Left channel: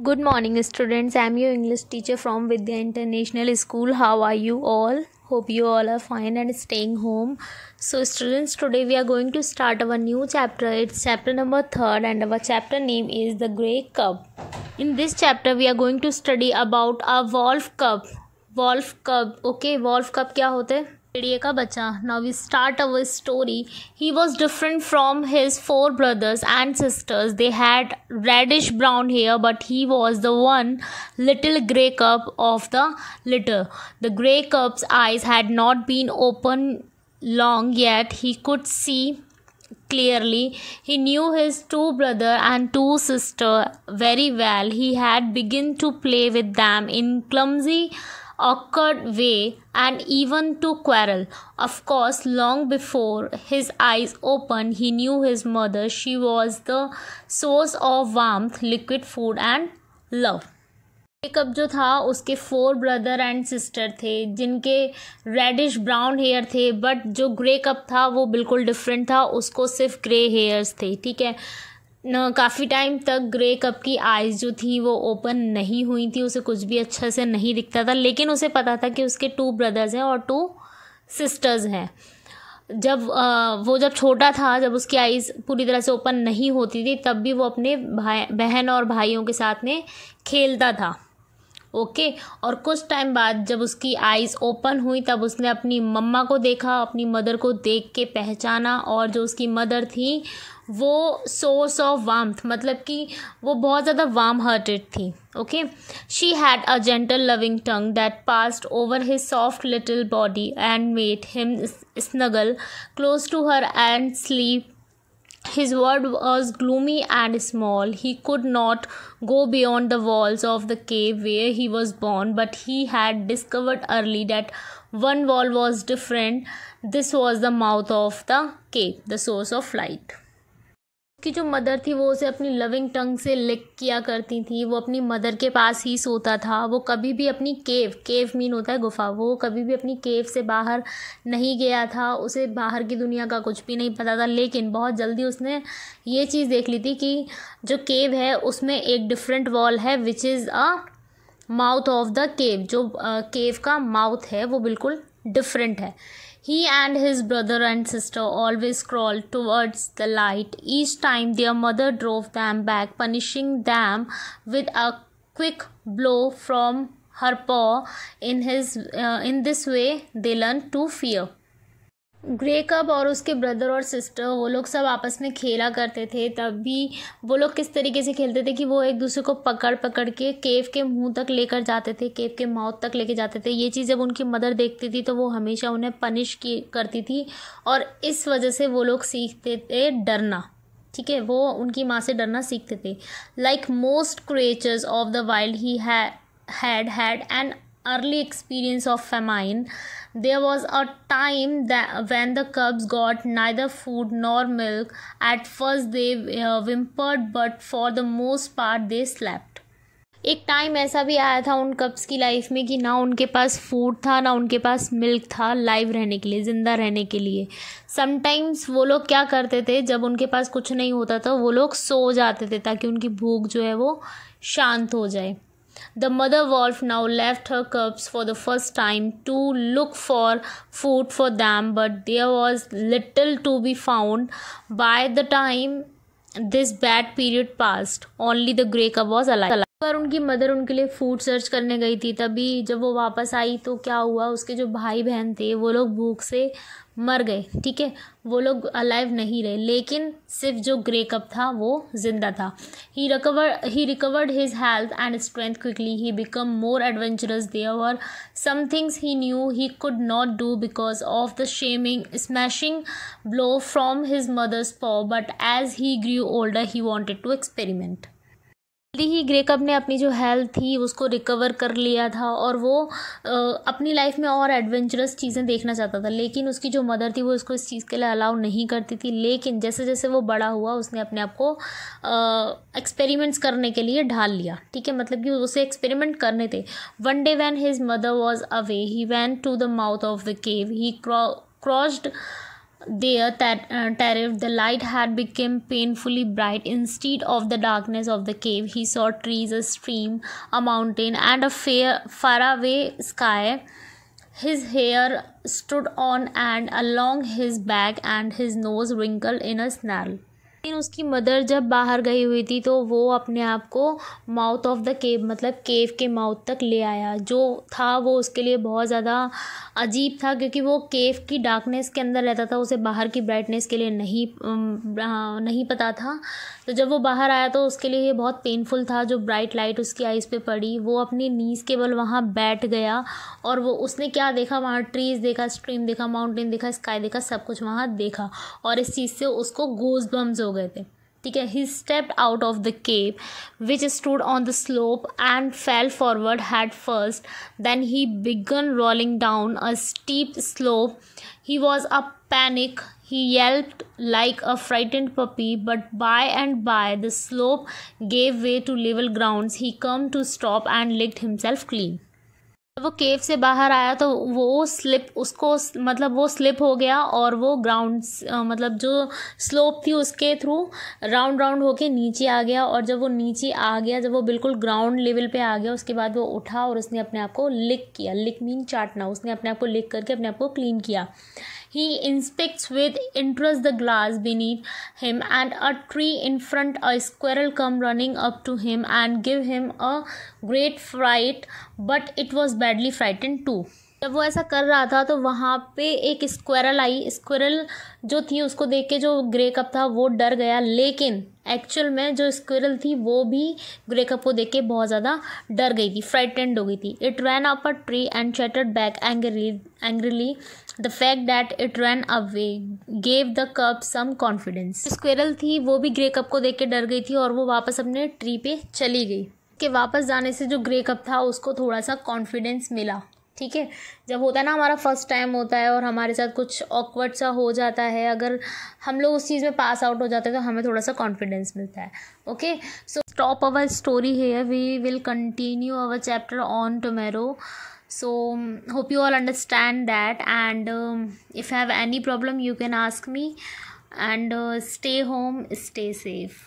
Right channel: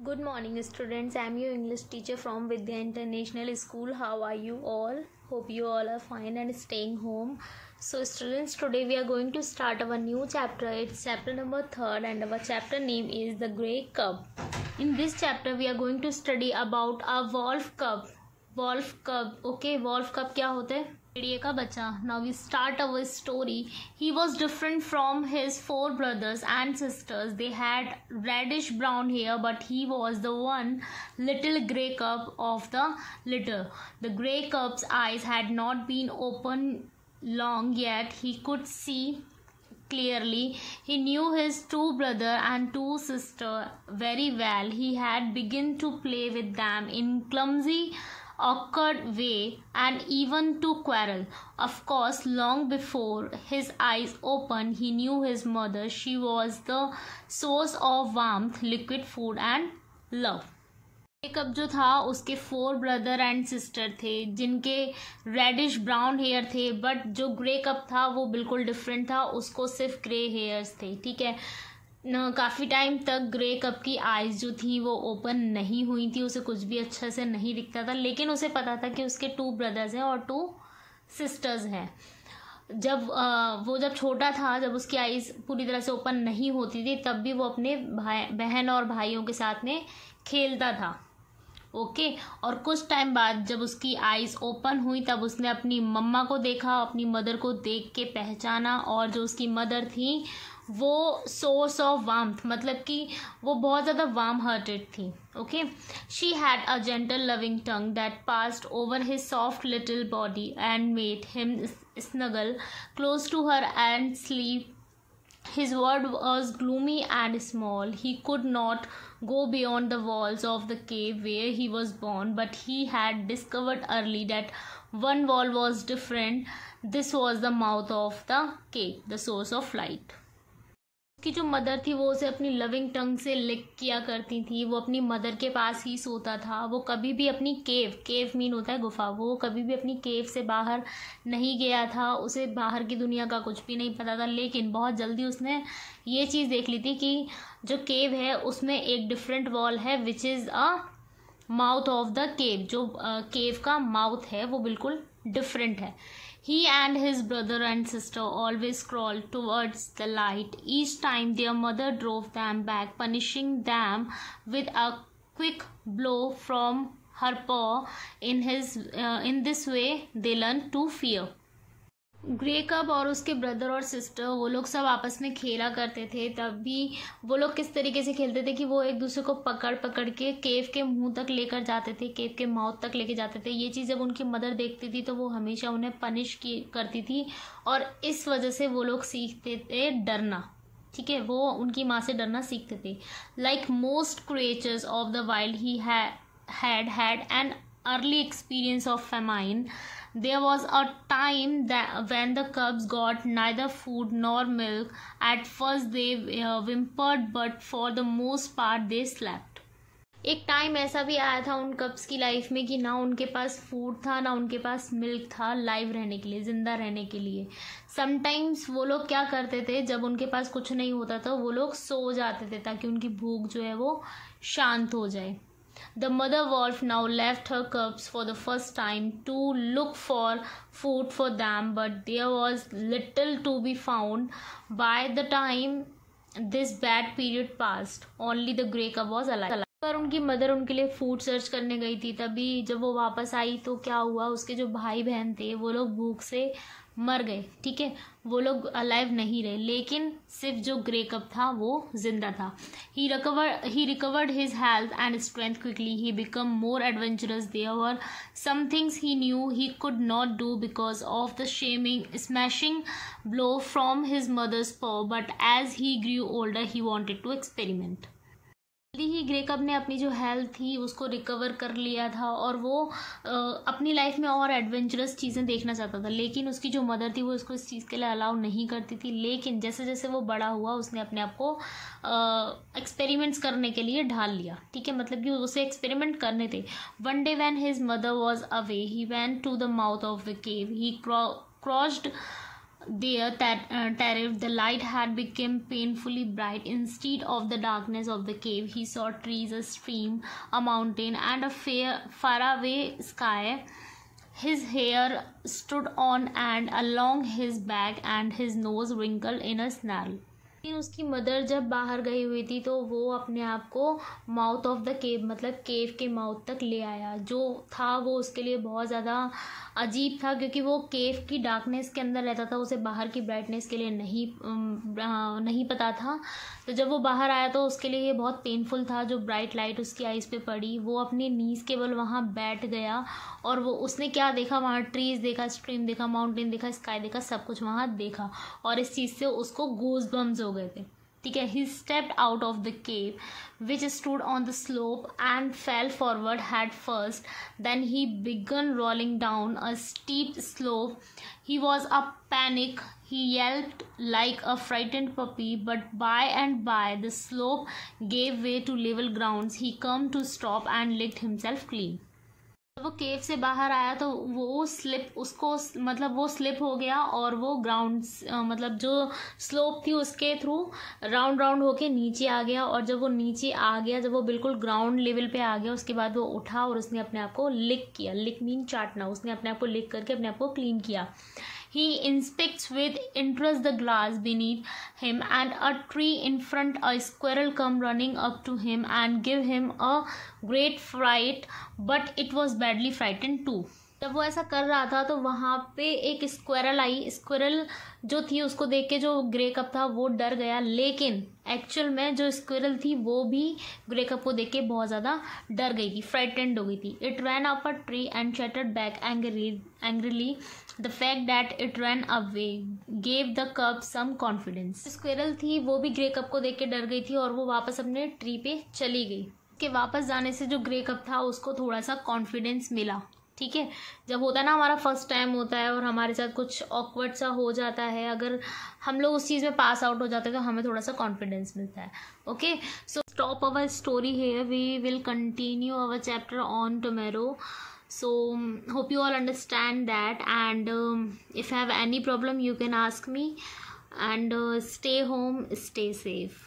Good morning, students. I'm your English teacher from Vidya International School. How are you all? Hope you all are fine and staying home. So, students, today we are going to start our new chapter. It's chapter number 3rd, and our chapter name is The Grey Cub. In this chapter, we are going to study about a wolf cub. Wolf cub. Okay, wolf cub क्या होते हैं? भेड़िए का बच्चा. Now we start our story. He was different from his 4 brothers and sisters. They had reddish brown hair, but he was the one little grey cub of the litter. The grey cub's eyes had not been open long yet. He could see clearly. He knew his 2 brother and 2 sister very well. He had begun to play with them in clumsy awkward way and even to quarrel. Of course, long before his eyes opened, he knew his mother. She was the source of warmth, liquid food and love. एक अब जो था उसके 4 brother and sister थे जिनके reddish brown hair थे, but जो grey cup था वो बिल्कुल डिफरेंट था. उसको सिर्फ ग्रे हेयर्स थे. ठीक है न, काफ़ी टाइम तक ग्रे कप की आइज़ जो थी वो ओपन नहीं हुई थी. उसे कुछ भी अच्छा से नहीं दिखता था, लेकिन उसे पता था कि उसके 2 ब्रदर्स हैं और 2 सिस्टर्स हैं. जब छोटा था, जब उसकी आइज़ पूरी तरह से ओपन नहीं होती थी, तब भी वो अपने बहन और भाइयों के साथ में खेलता था. ओके और कुछ टाइम बाद जब उसकी आइज़ ओपन हुई, तब उसने अपनी मम्मा को देखा, अपनी मदर को देख के पहचाना. और जो उसकी मदर थी वो सोर्स ऑफ वार्मथ, मतलब कि वो बहुत ज़्यादा वार्म हार्टेड थी. Okay she had a gentle loving tongue that passed over his soft little body and made him snuggle close to her and sleep. His world was gloomy and small. He could not go beyond the walls of the cave where he was born, but he had discovered early that one wall was different. This was the mouth of the cave, the source of light. उसकी जो mother थी वो उसे अपनी loving टंग से लिक किया करती थी. वो अपनी मदर के पास ही सोता था. वो कभी भी अपनी केव मीन होता है गुफा, वो कभी भी अपनी केव से बाहर नहीं गया था. उसे बाहर की दुनिया का कुछ भी नहीं पता था, लेकिन बहुत जल्दी उसने ये चीज़ देख ली थी कि जो केव है उसमें एक डिफरेंट वॉल है, which is a mouth of the केव. जो केव का माउथ है वो बिल्कुल डिफरेंट है. He and his brother and sister always crawled towards the light. Each time their mother drove them back, punishing them with a quick blow from her paw. In this way, they learned to fear. Grey कब और उसके brother और sister वो लोग सब आपस में खेला करते थे. तब भी वो लोग किस तरीके से खेलते थे कि वो एक दूसरे को पकड़ पकड़ के केव के मुंह तक लेकर जाते थे, केव के माउथ तक लेके जाते थे. ये चीज़ जब उनकी मदर देखती थी तो वो हमेशा उन्हें पनिश करती थी, और इस वजह से वो लोग सीखते थे डरना. ठीक है, वो उनकी माँ से डरना सीखते थे. Like most creatures of the wild he had an early experience of famine. There was a time when the cubs got neither food nor milk. At first they whimpered, but for the most part they slept. एक time ऐसा भी आया था उन कब्स की life में कि ना उनके पास फूड था ना उनके पास मिल्क था लाइव रहने के लिए, ज़िंदा रहने के लिए. समटाइम्स वो लोग क्या करते थे, जब उनके पास कुछ नहीं होता था वो लोग सो जाते थे ताकि उनकी भूख जो है वो शांत हो जाए. The mother wolf now left her cubs for the first time to look for food for them, but there was little to be found. By the time this bad period passed, only the grey cub was alive. पर उनकी mother उनके लिए food search करने गई थी. तभी जब वो वापस आई तो क्या हुआ, उसके जो भाई बहन थे वो लोग भूख से मर गए. ठीक है, वो लोग अलाइव नहीं रहे, लेकिन सिर्फ जो ग्रे कप था वो जिंदा था. He recovered his health and strength quickly. He become more adventurous. There were some things he knew he could not do because of the smashing blow from his mother's paw, but as he grew older he wanted to experiment. जल्दी ही grey cup ने अपनी जो health थी उसको recover कर लिया था और वो अपनी लाइफ में और एडवेंचरस चीज़ें देखना चाहता था, लेकिन उसकी जो मदर थी वो उसको इस चीज़ के लिए अलाउ नहीं करती थी. लेकिन जैसे जैसे वो बड़ा हुआ उसने अपने आप को एक्सपेरिमेंट्स करने के लिए ढाल लिया. ठीक है, मतलब कि उसे एक्सपेरिमेंट करने थे. One day when his mother was away he went to the mouth of the cave. He crossed there terrified. The light had become painfully bright. Instead of the darkness of the cave, he saw trees, a stream, a mountain, and a faraway sky. His hair stood on end along his back, and his nose wrinkled in a snarl. लेकिन उसकी mother जब बाहर गई हुई थी तो वो अपने आप को माउथ ऑफ द केव मतलब केव के माउथ तक ले आया। जो था वो उसके लिए बहुत ज़्यादा अजीब था, क्योंकि वो केव की डार्कनेस के अंदर रहता था, उसे बाहर की ब्राइटनेस के लिए नहीं पता था। तो जब वो बाहर आया तो उसके लिए ये बहुत पेनफुल था। जो ब्राइट लाइट उसकी आइज़ पे पड़ी, वो अपनी नीज़ के बल वहाँ बैठ गया और वो उसने क्या देखा, वहाँ ट्रीज़ देखा, स्ट्रीम देखा, माउंटेन देखा, स्काई देखा, सब कुछ वहाँ देखा और इस चीज़ से उसको गूज़ बम्स हो गए थे। ठीक है। He stepped out of the cave, which stood on the slope, and fell forward head first. Then he began rolling down a steep slope. He was a panic. He yelped like a frightened puppy, but by and by the slope gave way to level grounds. He came to stop and licked himself clean. जब वो केव से बाहर आया तो वो slip हो गया और वो ग्राउंड मतलब जो स्लोप थी उसके थ्रू राउंड होके नीचे आ गया। और जब वो नीचे आ गया, जब वो बिल्कुल ग्राउंड लेवल पे आ गया, उसके बाद वो उठा और उसने अपने आप को लिक किया। लिक मीन चाटना। उसने अपने आप को लिक करके अपने आप को क्लीन किया। He inspects with interest the glass beneath him and a tree in front. A squirrel come running up to him and give him a great fright, but it was badly frightened too. जब वो ऐसा कर रहा था तो वहाँ पे एक स्क्वायरल आई। स्क्वायरल जो थी उसको देख के जो ग्रे कप था वो डर गया, लेकिन एक्चुअल में जो स्क्वायरल थी वो भी ग्रे कप को देख के बहुत ज़्यादा डर गई थी, फ्राइटेंड हो गई थी। It ran up a tree and chattered back angrily. The fact that it ran away gave the cub some confidence. Squirrel थी वो भी ग्रे कप को देख के डर गई थी और वो वापस अपने ट्री पे चली गई। के वापस जाने से जो ग्रे कप था उसको थोड़ा सा कॉन्फिडेंस मिला। ठीक है। जब होता है ना हमारा फर्स्ट टाइम होता है और हमारे साथ कुछ ऑकवर्ड सा हो जाता है, अगर हम लोग उस चीज़ में पास आउट हो जाते हैं तो हमें थोड़ा सा कॉन्फिडेंस मिलता है। Okay, so stop our story here, we will continue our chapter on tomorrow. So hope you all understand that, and if you have any problem you can ask me, and stay home, stay safe.